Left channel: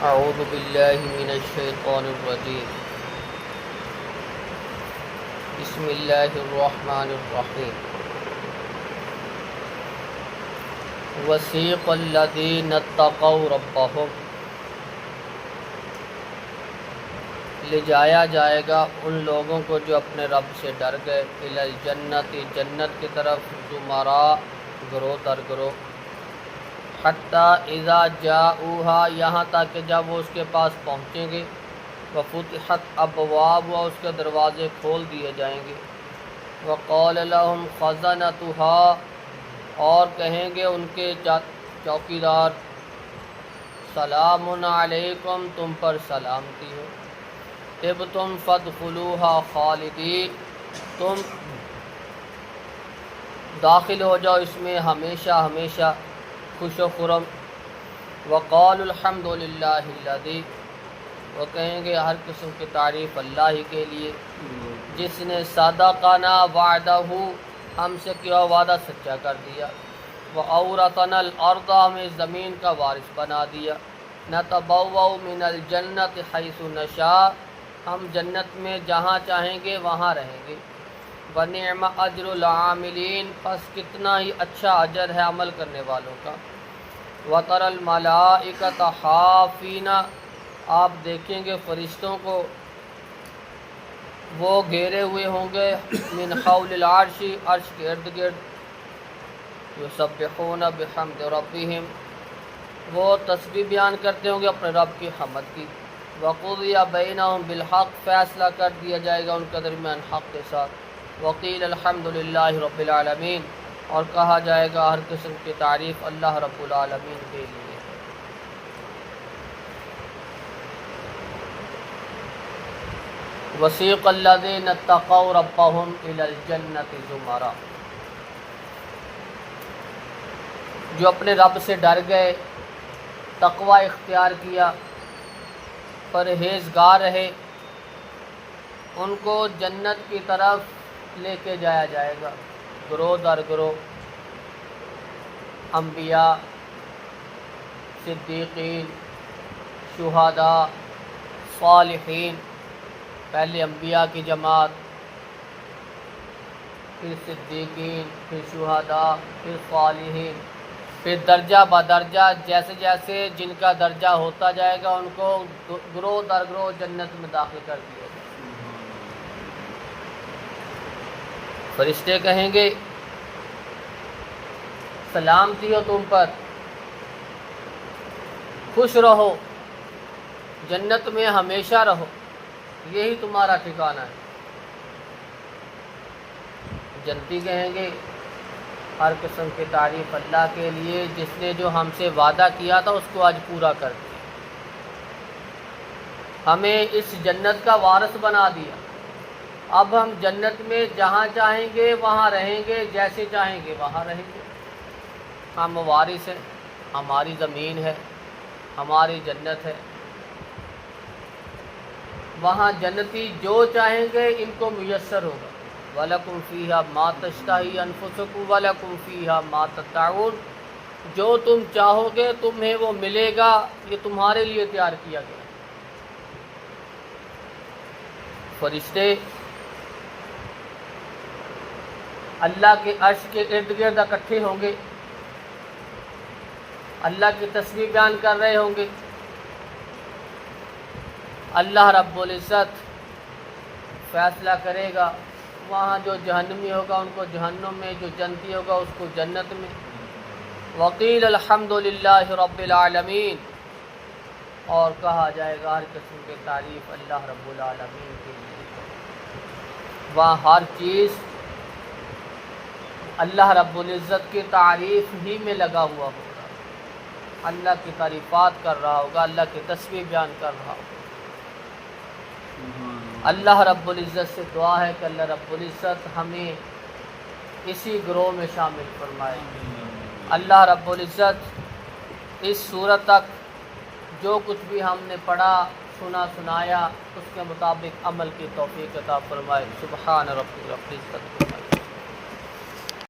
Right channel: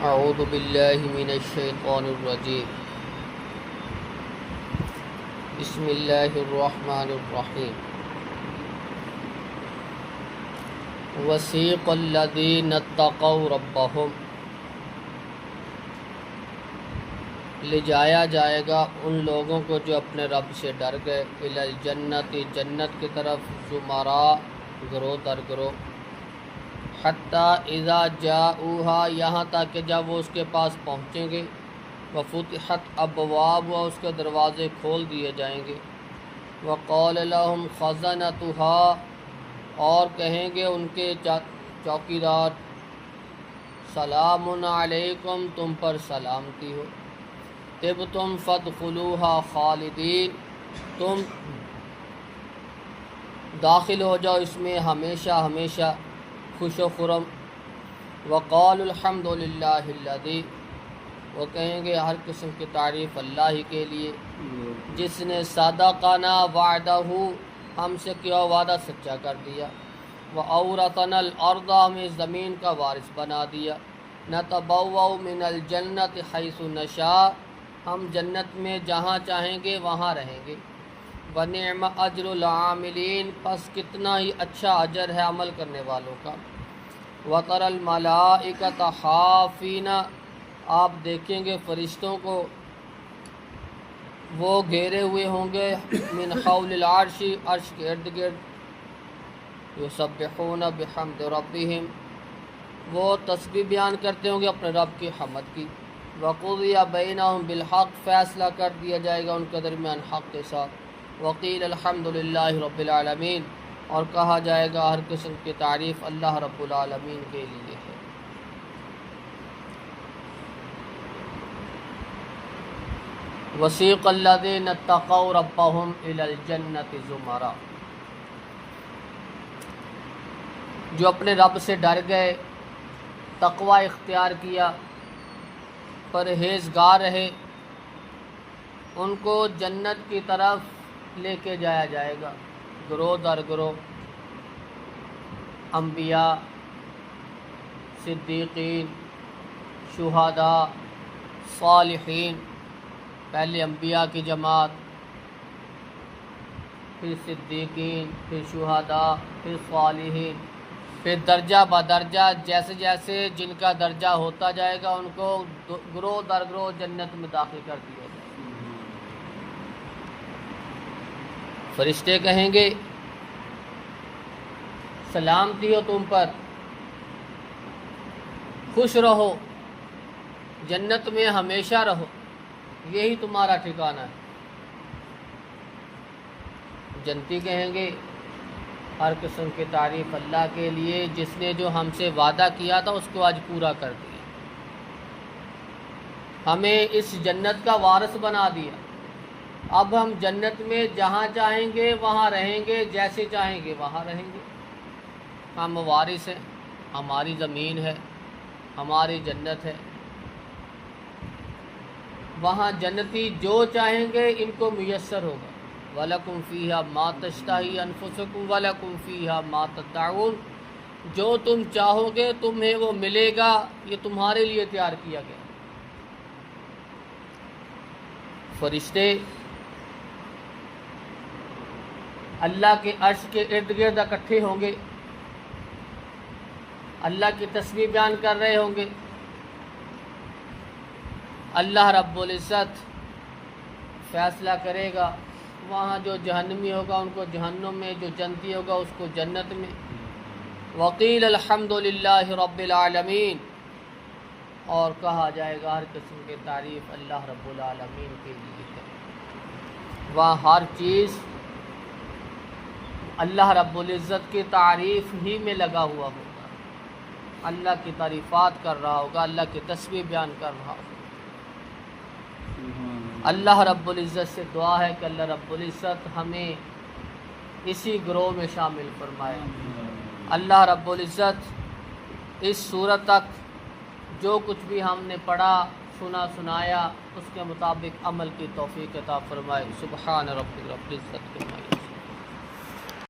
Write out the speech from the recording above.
اعوذ باللہ من الشیطان الرجیم بسم اللہ الرحمن الرحیم وسیق الذین اتقوا ربہم لے جایا جائے گا ان لوگوں کو جو اپنے رب سے ڈر گئے الی الجنت جنت کی طرف زمراء گروہ در گروہ حتیٰ اذا جاؤہا یہاں تک کہ جب وہ اس کے پاس پہنچیں گے وفتحت ابواب و اس کے دروازے کھول دیے جائیں گے وقال لهم خزنتها اور کہیں گے ان کے چوکیدار سلام علیکم تم پر سلامتی ہو طبتم فادخلوها خالدین تم داخل ہو جاؤ اس میں ہمیشہ ہمیشہ خوش و خرم وقال الحمد للہ الذی وہ کہیں گے ہر قسم کی تعریف اللہ ہی کے لیے جس نے صدقنا وعدہ ہم سے کیا وعدہ سچا کر دیا وَأَوْرَثَنَا الْأَرْضَ ہمیں زمین کا وارث بنا دیا نَتَبَوَّأُ مِنَ الْجَنَّةِ حَيْثُ نَشَاءُ ہم جنت میں جہاں چاہیں گے وہاں رہیں گے وَنِعْمَ أَجْرُ الْعَامِلِينَ پس کتنا ہی اچھا اجر ہے عمل کرنے والوں کا وَتَرَى الْمَلَائِكَةَ حَافِينَ آپ دیکھیں گے فرشتوں کو وہ گھیرے ہوئے ہوں گے من حول العرش عرش کے ارد گرد یسبحون بحمد ربہم وہ تسبیح بیان کرتے ہوں گے اپنے رب کی حمد کی وقضی بینہم بالحق فیصلہ کر دیا جائے گا ان کے درمیان حق کے ساتھ وقیل الحمد للہ رب العالمین اور کہا جائے گا ہر قسم کی تعریف اللہ رب العالمین کے لیے ہے وسیق الذین اتقوا ربہم الی الجنۃ زمراء جو اپنے رب سے ڈر گئے تقوی اختیار کیا پرہیزگار رہے ان کو جنت کی طرف لے کے جایا جائے گا گروہ در گروہ انبیاء صدیقین شہداء صالحین پہلے انبیاء کی جماعت پھر صدیقین پھر شہداء پھر صالحین پھر درجہ بدرجہ جیسے جیسے جن کا درجہ ہوتا جائے گا ان کو گروہ در گروہ جنت میں داخل کر دیا جائے گا فرشتے کہیں گے سلامتی ہو تم پر خوش رہو جنت میں ہمیشہ رہو یہی تمہارا ٹھکانہ ہے جنتی کہیں گے ہر قسم کی تعریف اللہ کے لیے جس نے جو ہم سے وعدہ کیا تھا اس کو آج پورا کر دیا ہمیں اس جنت کا وارث بنا دیا اب ہم جنت میں جہاں چاہیں گے وہاں رہیں گے جیسے چاہیں گے وہاں رہیں گے ہم وارث ہیں ہماری زمین ہے ہماری جنت ہے وہاں جنتی جو چاہیں گے ان کو میسر ہوگا وَلَكُمْ فِيهَا مَا تَشْتَهِي أَنفُسُكُمْ وَلَكُمْ فِيهَا مَا تَدَّعُونَ جو تم چاہو گے تمہیں وہ ملے گا یہ تمہارے لیے تیار کیا گیا فرشتے اللہ کے عرش کے ارد گرد اکٹھے ہوں گے اللہ کی تسبیح بیان کر رہے ہوں گے اللہ رب العزت فیصلہ کرے گا وہاں جو جہنمی ہوگا ان کو جہنم میں جو جنتی ہوگا اس کو جنت میں وقیل الحمد للہ رب العالمین اور کہا جائے گا ہر قسم کی تعریف اللہ رب العالمین کے لیے وہاں ہر چیز اللہ رب العزت کی تعریف ہی میں لگا ہوا ہوگا اللہ کی تعریفات کر رہا ہوگا اللہ کی تسبیح بیان کر رہا ہوگا اللہ رب العزت سے دعا ہے کہ اللہ رب العزت ہمیں اسی گروہ میں شامل فرمائے اللہ رب العزت اس صورت تک جو کچھ بھی ہم نے پڑھا سنا سنایا اس کے مطابق عمل کی توفیق عطا فرمائے سبحان رب العزت فرمائے